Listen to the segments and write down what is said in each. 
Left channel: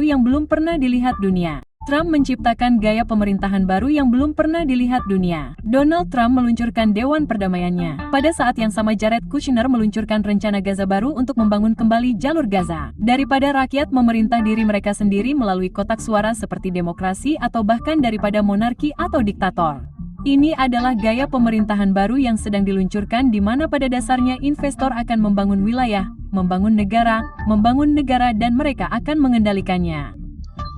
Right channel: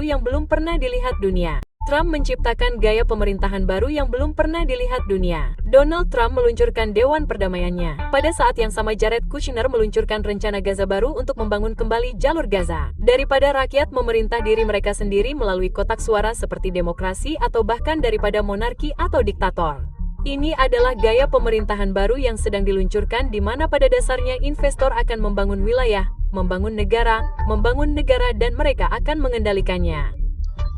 yang belum pernah dilihat dunia. Trump menciptakan gaya pemerintahan baru yang belum pernah dilihat dunia. Donald Trump meluncurkan Dewan Perdamaiannya. Pada saat yang sama Jared Kushner meluncurkan rencana Gaza baru untuk membangun kembali jalur Gaza. Daripada rakyat memerintah diri mereka sendiri melalui kotak suara seperti demokrasi atau bahkan daripada monarki atau diktator. Ini adalah gaya pemerintahan baru yang sedang diluncurkan di mana pada dasarnya investor akan membangun wilayah, membangun negara dan mereka akan mengendalikannya.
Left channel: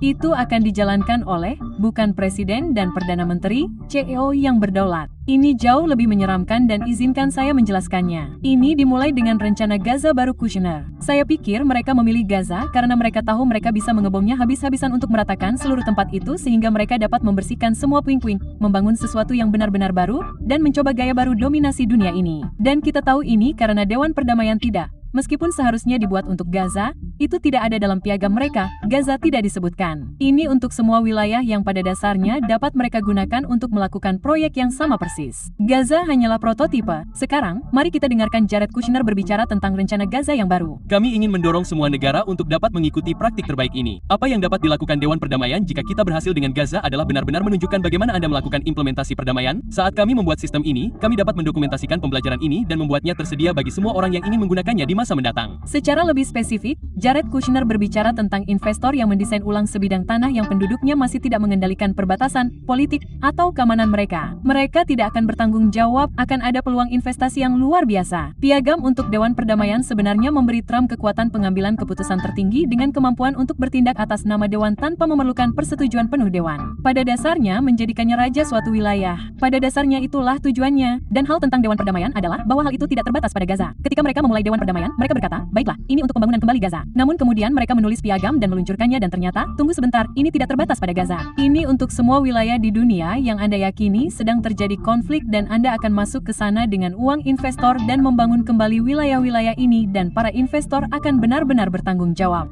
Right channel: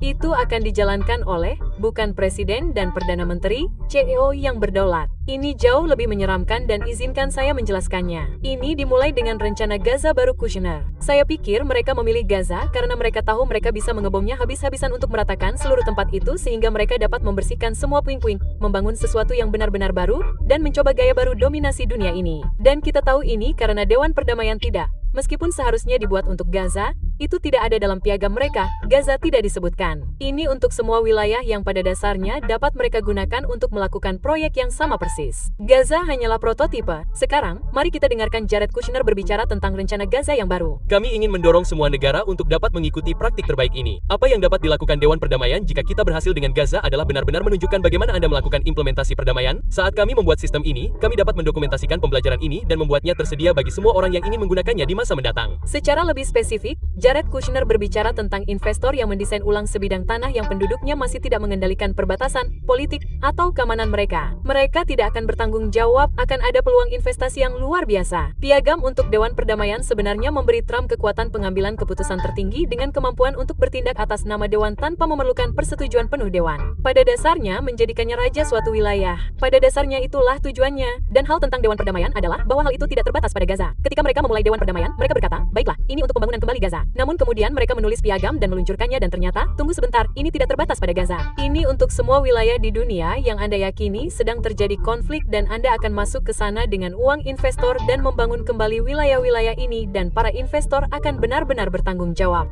Itu akan dijalankan oleh, bukan presiden dan perdana menteri, CEO yang berdaulat. Ini jauh lebih menyeramkan dan izinkan saya menjelaskannya. Ini dimulai dengan rencana Gaza baru Kushner. Saya pikir mereka memilih Gaza karena mereka tahu mereka bisa mengebomnya habis-habisan untuk meratakan seluruh tempat itu sehingga mereka dapat membersihkan semua puing-puing, membangun sesuatu yang benar-benar baru, dan mencoba gaya baru dominasi dunia ini. Dan kita tahu ini karena Dewan Perdamaian tidak. Meskipun seharusnya dibuat untuk Gaza, itu tidak ada dalam piagam mereka, Gaza tidak disebutkan. Ini untuk semua wilayah yang pada dasarnya dapat mereka gunakan untuk melakukan proyek yang sama persis. Gaza hanyalah prototipe. Sekarang, mari kita dengarkan Jared Kushner berbicara tentang rencana Gaza yang baru. Kami ingin mendorong semua negara untuk dapat mengikuti praktik terbaik ini. Apa yang dapat dilakukan Dewan Perdamaian jika kita berhasil dengan Gaza adalah benar-benar menunjukkan bagaimana Anda melakukan implementasi perdamaian. Saat kami membuat sistem ini, kami dapat mendokumentasikan pembelajaran ini dan membuatnya tersedia bagi semua orang yang ingin menggunakannya di masa mendatang. Secara lebih spesifik, Jared Kushner berbicara tentang investor yang mendesain ulang sebidang tanah yang penduduknya masih tidak mengendalikan perbatasan, politik, atau keamanan mereka. Mereka tidak akan bertanggung jawab, akan ada peluang investasi yang luar biasa. Piagam untuk Dewan Perdamaian sebenarnya memberi Trump kekuatan pengambilan keputusan tertinggi dengan kemampuan untuk bertindak atas nama Dewan tanpa memerlukan persetujuan penuh Dewan. Pada dasarnya menjadikannya raja suatu wilayah. Pada dasarnya itulah tujuannya. Dan hal tentang Dewan Perdamaian adalah bahwa hal itu tidak terbatas pada Gaza. Ketika mereka memulai Dewan Perdamaian, mereka berkata, baiklah, ini untuk pembangunan kembali Gaza. Namun kemudian mereka menulis piagam dan meluncurkannya dan ternyata, tunggu sebentar, ini tidak terbatas pada Gaza. Ini untuk semua wilayah di dunia yang Anda yakini sedang terjadi konflik dan Anda akan masuk ke sana dengan uang investor dan membangun kembali wilayah-wilayah ini dan para investor akan benar-benar bertanggung jawab.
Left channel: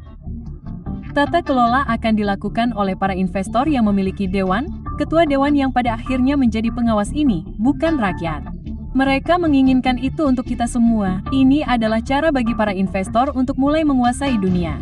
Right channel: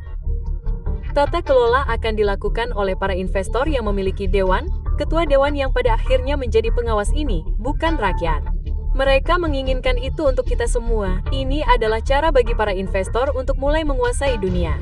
Tata kelola akan dilakukan oleh para investor yang memiliki dewan, ketua dewan yang pada akhirnya menjadi pengawas ini, bukan rakyat. Mereka menginginkan itu untuk kita semua. Ini adalah cara bagi para investor untuk mulai menguasai dunia.